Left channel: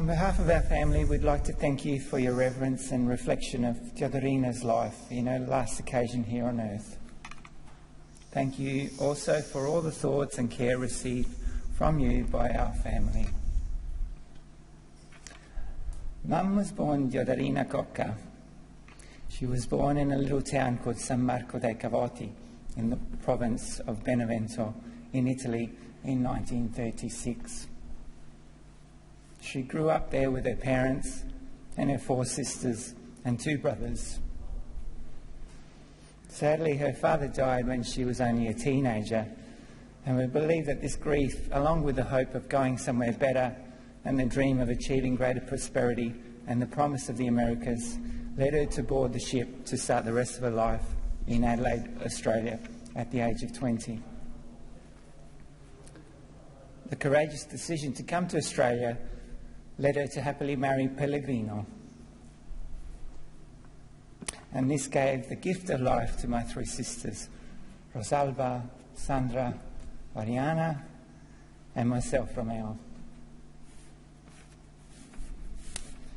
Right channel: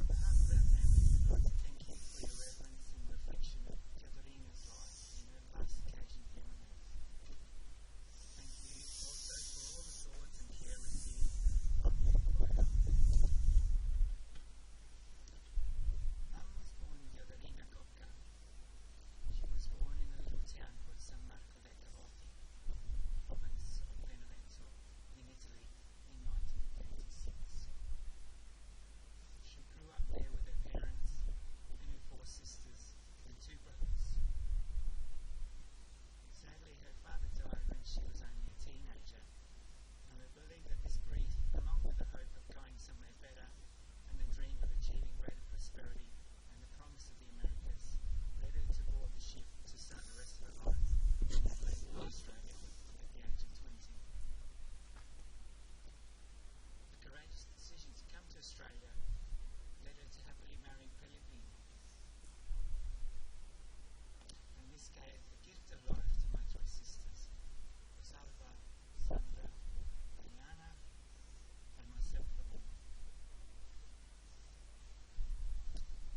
On behalf of our family, we'd like to thank you for your reverence and reflection of Diodorina's life in her last occasion here on earth. Thank you also for all the thoughts and care received from you by our family. Mum was born Diodorina Cocca. She was born in a little town called San Marco Dei Cavoti in the province of Benevento in Italy in 1936. She grew up there with her parents and her 4 sisters and 2 brothers. Sadly, her father died when she was only a teenager, and we believe that this grief, along with the hope of going somewhere better and the dream of achieving greater prosperity and the promise of the Americas, led her to board the ship to start the rest of her life in Adelaide, Australia, at the age of 20. The courageous decision to come to Australia led her to happily marry Pellegrino. And this gave the gift of life to my 3 sisters, Rosalba, Sandra, Mariana, and myself, Romeo.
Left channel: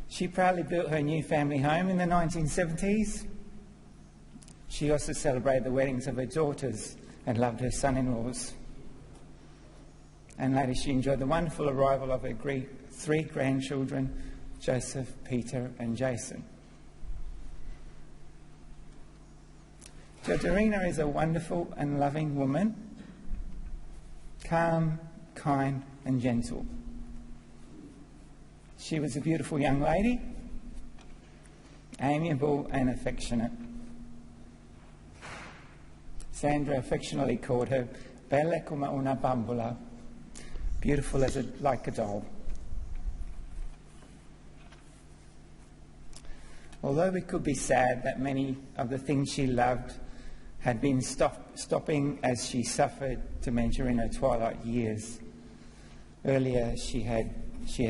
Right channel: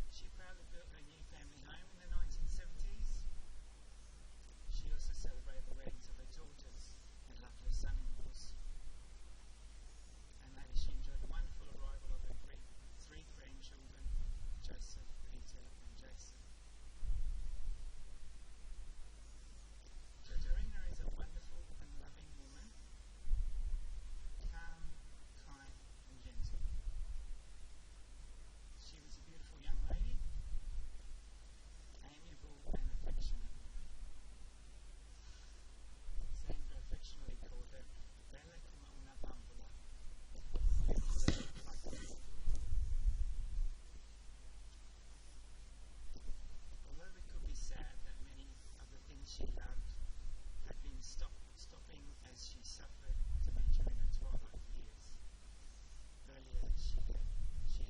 She proudly built her new family home in the 1970s. She also celebrated the weddings of her daughters and loved her son-in-laws. And later she enjoyed the wonderful arrival of her 3 grandchildren, Joseph, Peter and Jason. Diodorina is a wonderful and loving woman, calm, kind and gentle. She was a beautiful young lady, amiable and affectionate. Sandra affectionately called her bella come una bambola, beautiful like a doll. Although we could be sad that many of the things she loved had been stopping as she suffered dementia in her twilight years. Earlier she had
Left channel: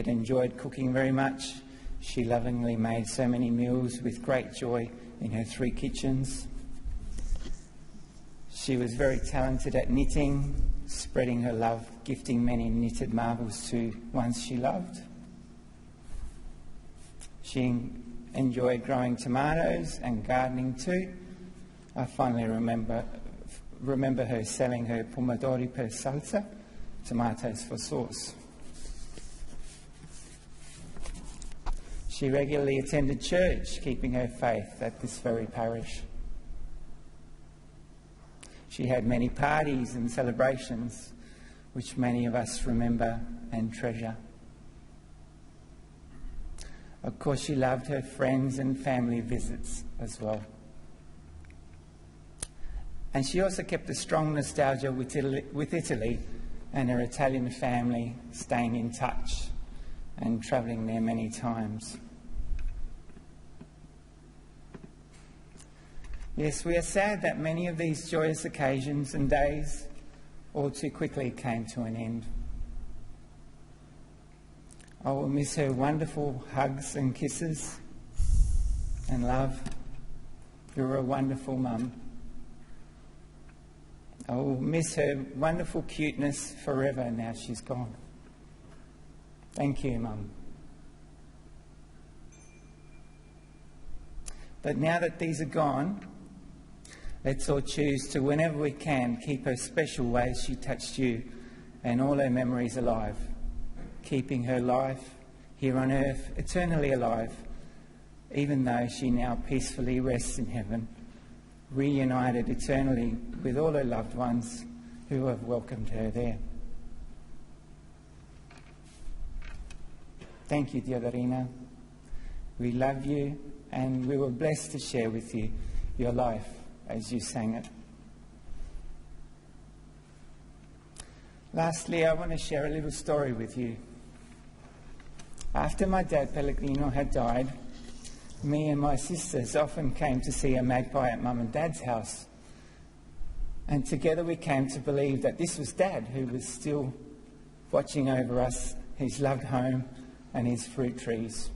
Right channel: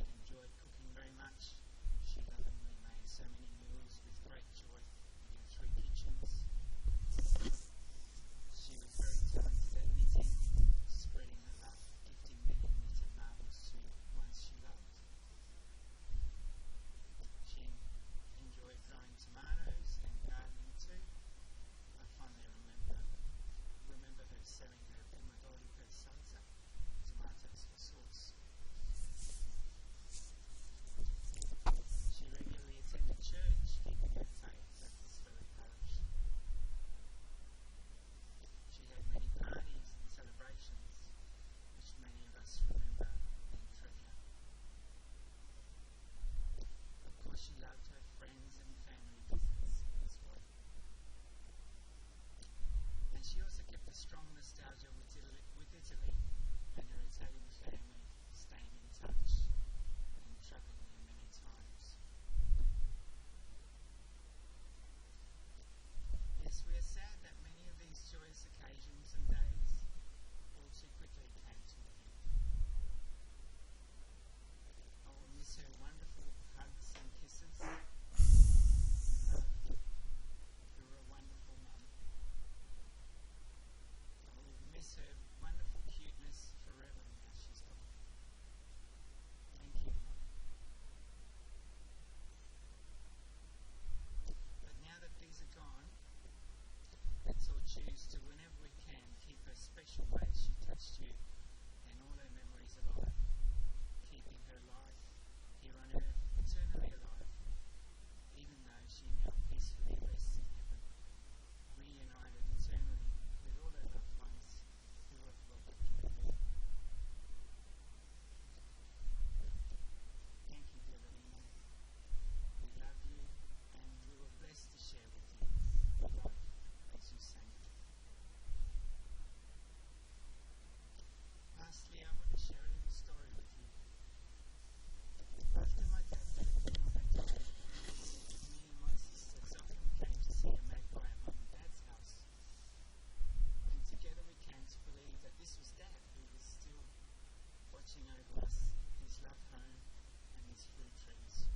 enjoyed cooking very much. She lovingly made so many meals with great joy in her 3 kitchens. She was very talented at knitting, spreading her love, gifting many knitted marbles to ones she loved. She enjoyed growing tomatoes and gardening too. I finally remember her selling her pomodori per salsa, tomatoes for sauce. She regularly attended church, keeping her faith at this very parish. She had many parties and celebrations, which many of us remember and treasure. Of course, she loved her friends and family visits as well. And she also kept a strong nostalgia with Italy and her Italian family, staying in touch and travelling there many times. Yes, we are sad that many of these joyous occasions and days all too quickly came to an end. I will miss her wonderful hugs and kisses and love. You're a wonderful mum. I will miss her wonderful cuteness forever now she's gone. Thank you, Mum. But now that these are gone, let's all choose to, whenever we can, keep her special ways she touched you and all her memories alive, keeping her life here on earth eternally alive, even though she now peacefully rests in heaven, reunited eternally with all her loved ones who have welcomed her there. Thank you, Diodorina. We love you, and we were blessed to share with you your life as you sang it. Lastly, I want to share a little story with you. After my dad, Pellegrino, had died, me and my sisters often came to see a magpie at Mum and Dad's house. And together we came to believe that this was Dad, who was still watching over us, his loved home and his fruit trees.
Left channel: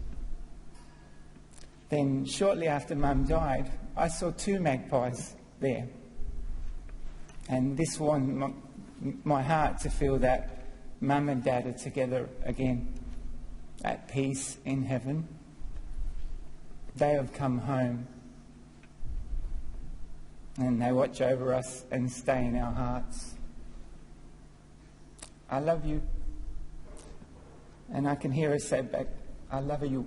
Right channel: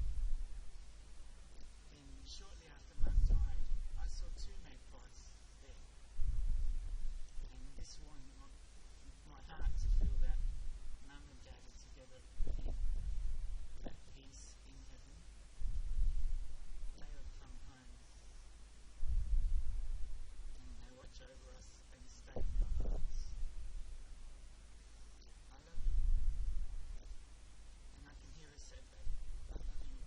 Then, shortly after Mum died, I saw 2 magpies there. And this warmed my heart to feel that Mum and Dad are together again. at peace in heaven. They have come home, and they watch over us and stay in our hearts. I love you. And I can hear her say back, I love you.